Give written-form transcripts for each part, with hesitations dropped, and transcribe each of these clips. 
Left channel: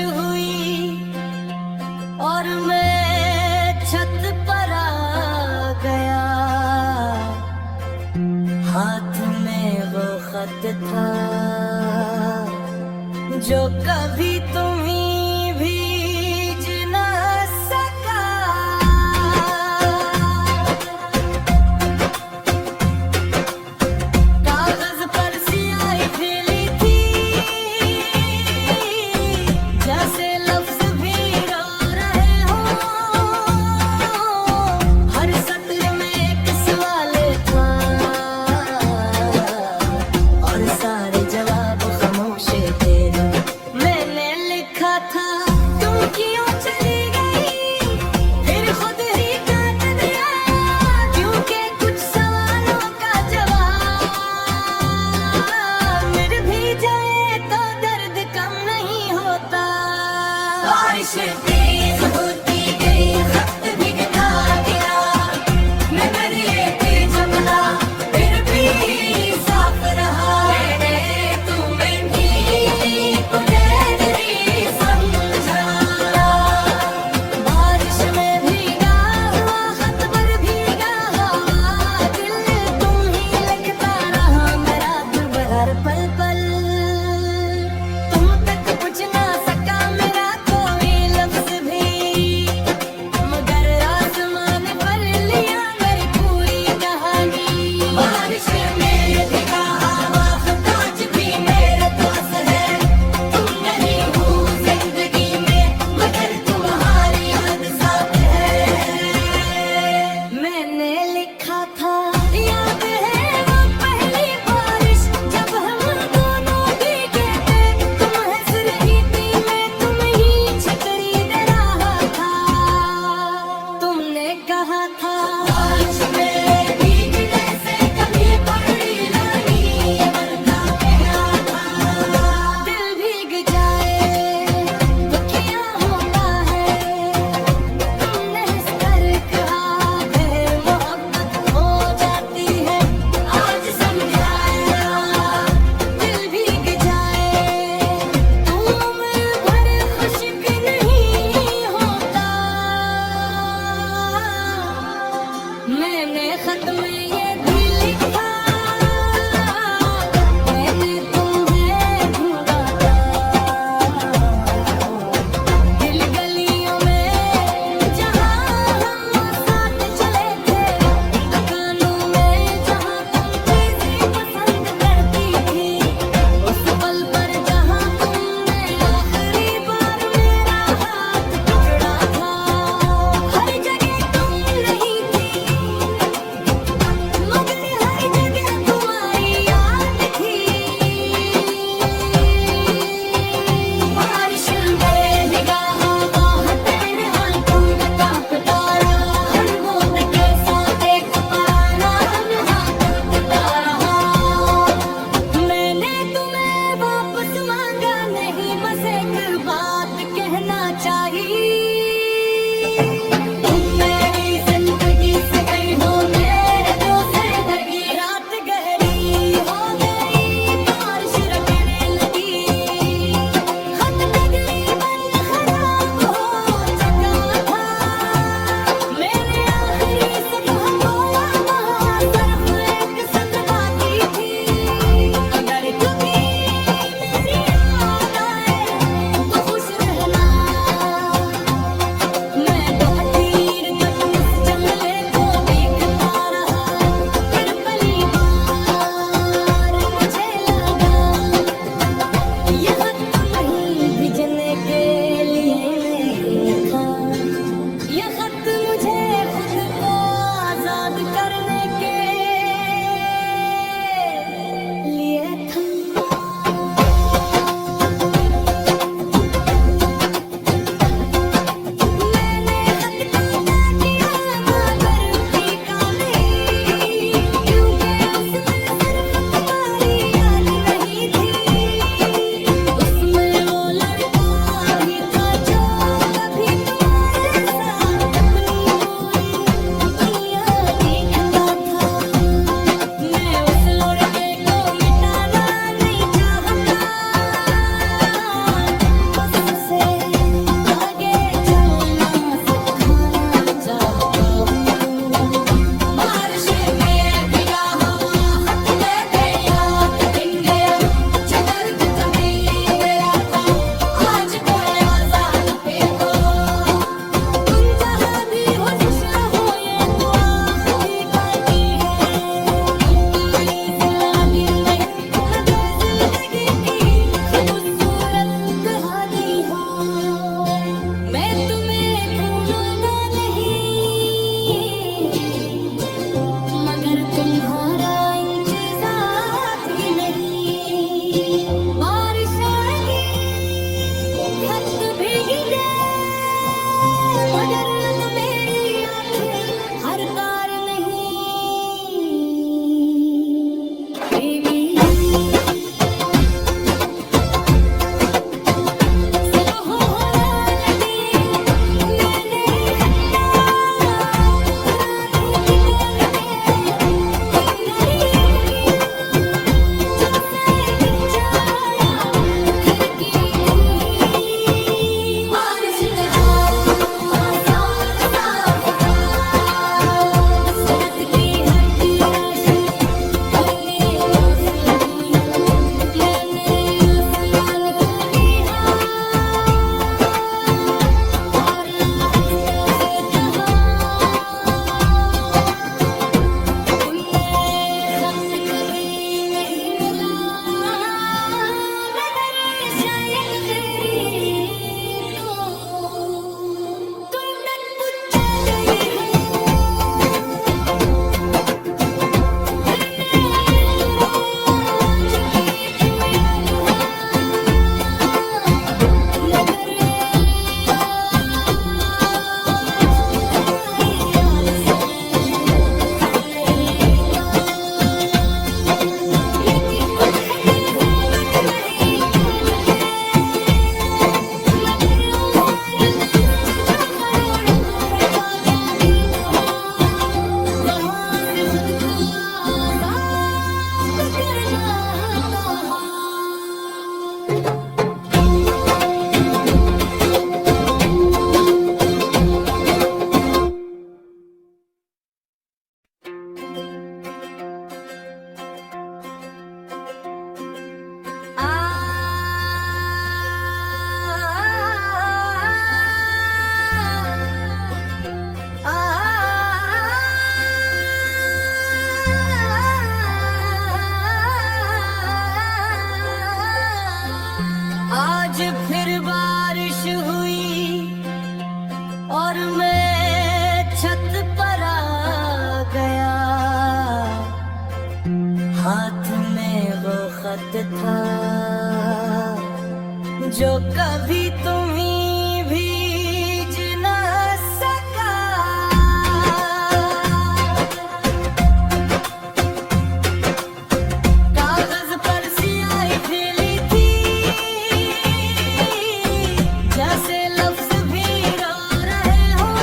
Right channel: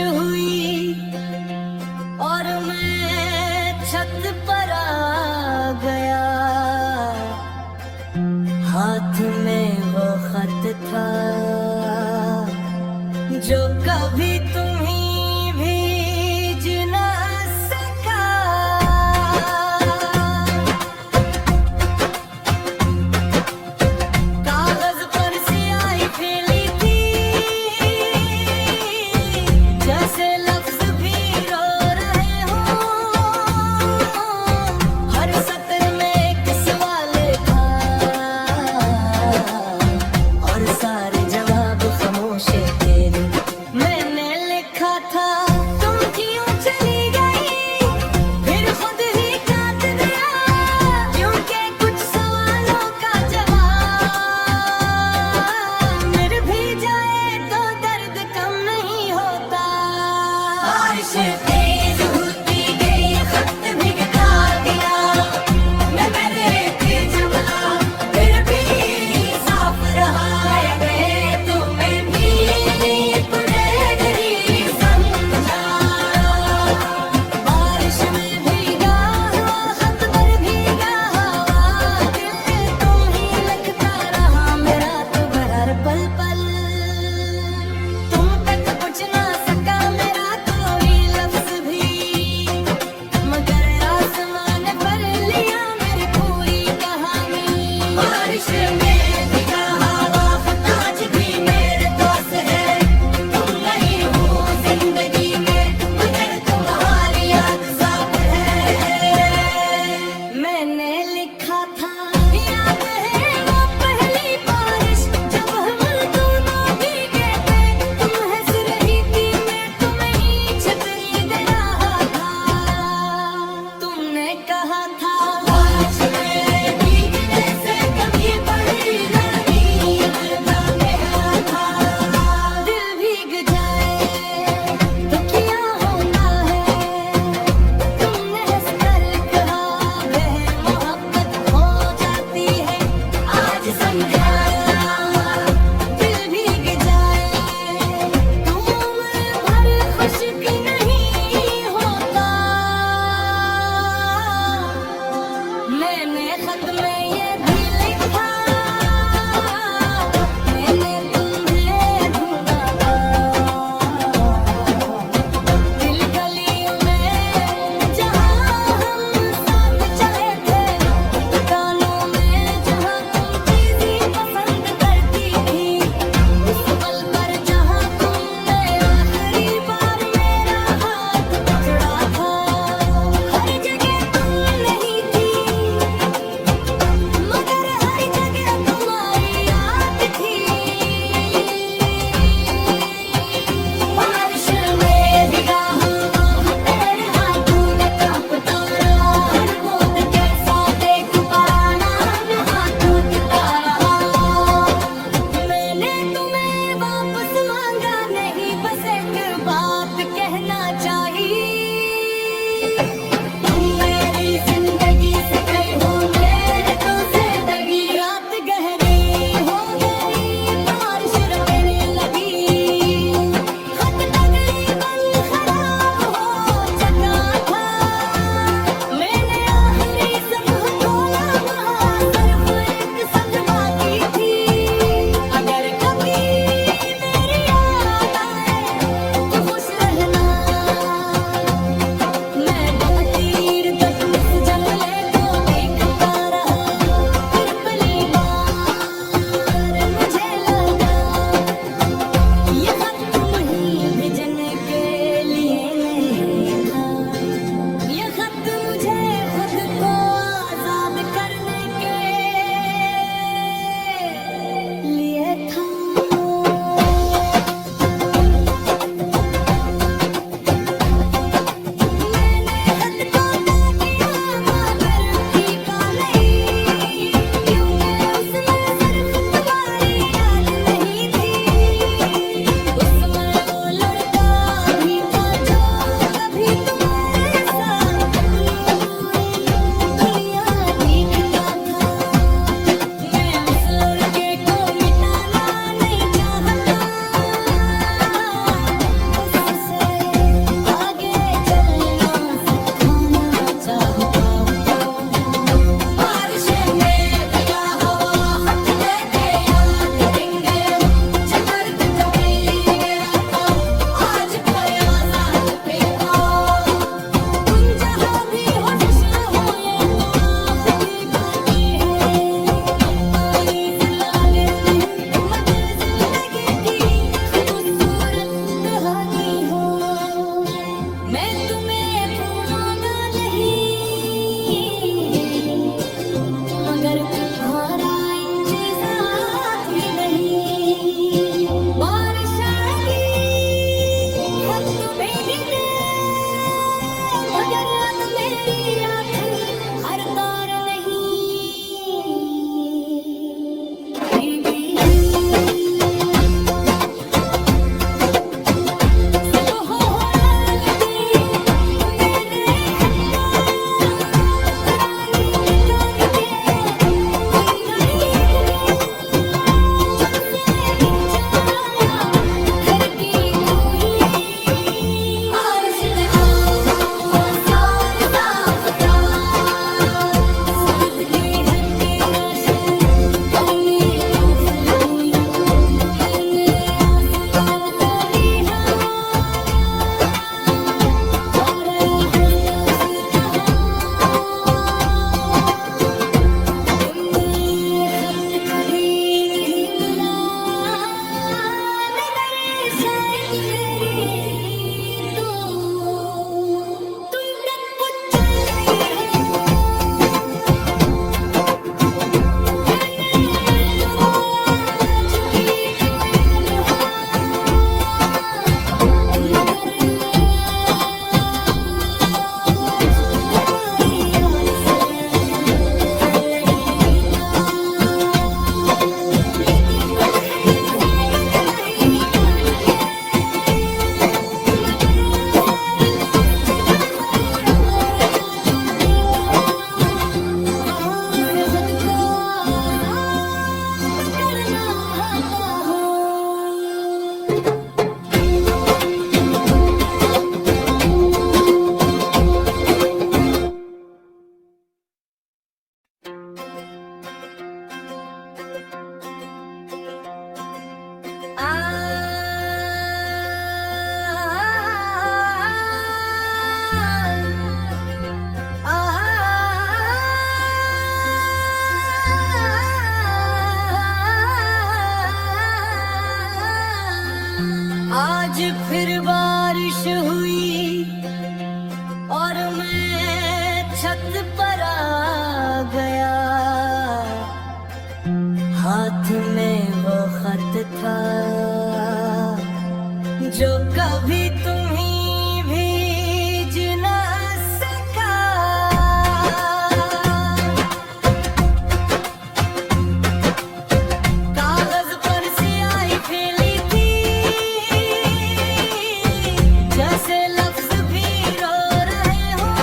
हुई और मैं छत पर आ गया। हाथ में वो खत था जो कभी तुम्ही भीज न सका। कागज पर स्याही फैली थी, जैसे लफ्ज भी रो रहे हूँ। हर सत्र में एक सवाल था और सारे जवाब खामोश थे। मैंने लिखा था तुम क्यों चली गई, फिर खुद ही काट दिया, क्योंकि कुछ सवालों का जवाब मिल भी जाए तो दर्द कम नहीं होता। बारिश तेज होती गई, खत भी गिरा दिया, मैं मैंने चबला फिर भी साफ रहा। मैंने तुम्हें भी तुझे समझा। बारिश में भीगा हुआ, खत पर भीगा हुआ दिल तुम ही लगता रहा मेरा दुख हर पल पल। तुम तक पहुंच ना सका मेरा कोई लफ्ज भी, मगर आसमान पर लिया मेरी पूरी कहानी। बारिश में भीगा हुआ खत आज भी मेरे दोस्त है। तुम नहीं हो जिंदगी में, मगर तुम्हारी याद साथ है। मैंने लिखा था याद है वो पहली बारिश जब हम दोनों भीगे थे। तुम हंस रही थी, मैं तुम्हें छतरी दे रहा था। तुमने कहा था आज मेरे भीगने से कभी बड़ी गर्मी अगर था मेरा था। दिल भीग जाए तो क्या होता है, तुमने हंस कर कहा गहर मोहब्बत हो जाती है। आज समझाया दिल भीग जाए तो उम्र भर खुश्क नहीं होता। मैंने खत में ये भी लिखा, मैंने तुम्हें ढूंढा था दिल गलियों में जहाँ हम साथ चले थे, दुकानों में जहाँ तुम चीज़ें पसंद करती थी, उस पल पर जहाँ तुमने आखिरी बार मेरा हाथ पकड़ा था। हर जगह तुम नहीं थी, हाथ में वो खत था जो कभी तुम्हीं भीज न सका। कागज पर स्याही फैली थी जैसे लफ्ज भी रो रहे हूँ।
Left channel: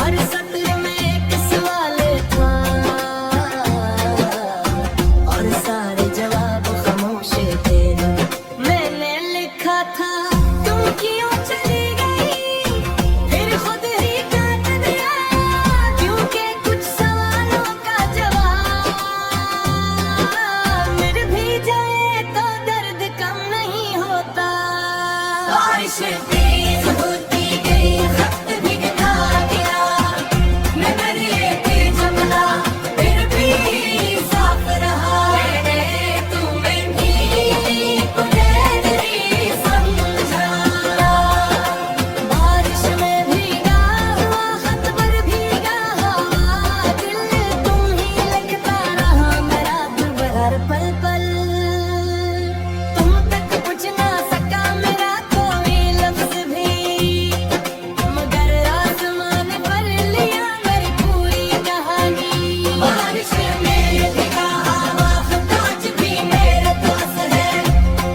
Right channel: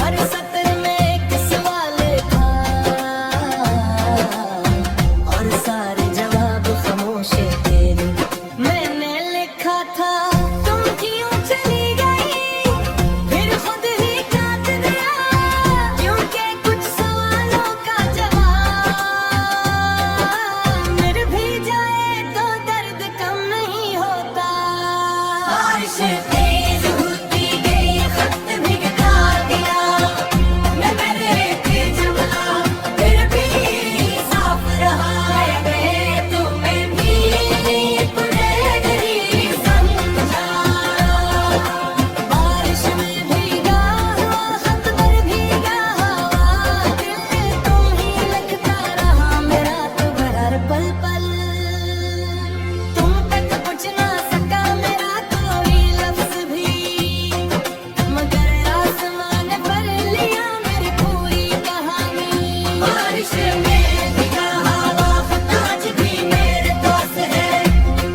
हर सत्र में एक सवाल था और सारे जवाब खामोश थे। मैंने लिखा था तुम क्यों चली गई, फिर खुद ही काट दिया क्योंकि कुछ सवालों का जवाब मिल भी जाए तो दर्द कम नहीं होता। बारिश तेज होती गई, खत भी गिरा दिया मैं मेरे जमला, फिर भी साफ रहा। मैंने तुम्हें नीली पुनर्दरी समझा। बारिश में भीगा हुआ, खत पर भीगा हुआ दिल तुम ही लगता रहा मेरा दुपहर पल पल। तुम तक पहुँच ना सका मेरा कोई लफ्ज भी, मगर आसमान पर लिया मेरी पूरी कहानी। बारिश में भीगा हुआ खत आज भी मेरे पास है।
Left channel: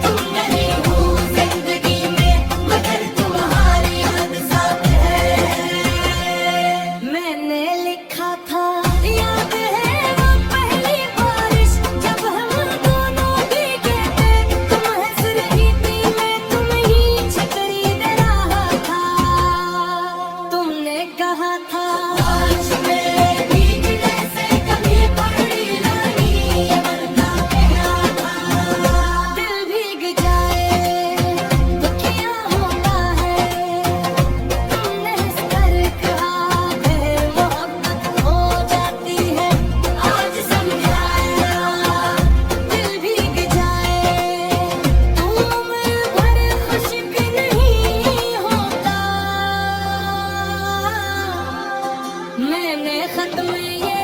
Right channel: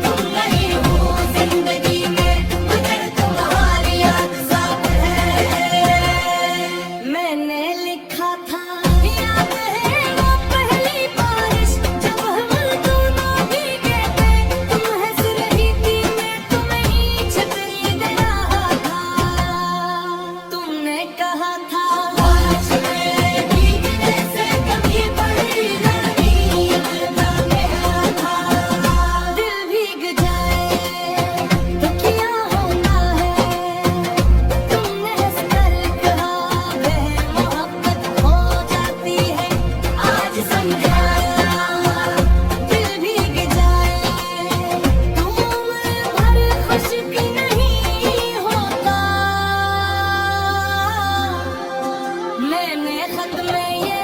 तुम नहीं हो जिंदगी में मगर तुम्हारी याद साथ है। मैंने लिखा था याद है वो पहली बारिश जब हम दोनों भीगे थे। तुम हंस रही थी मैं तुम्हें छतरी दे रहा था। तुमने कहा था बारिश में भीगने से कभी पड़ी गर्मी अगर था मेरा था। दिल भीग जाए तो क्या होता है, तुमने हंस कर कहा है मोहब्बत हो जाती है। आज समझाया दिल भीग जाए तुम भर खुश्क नहीं होता। मैंने खत में ये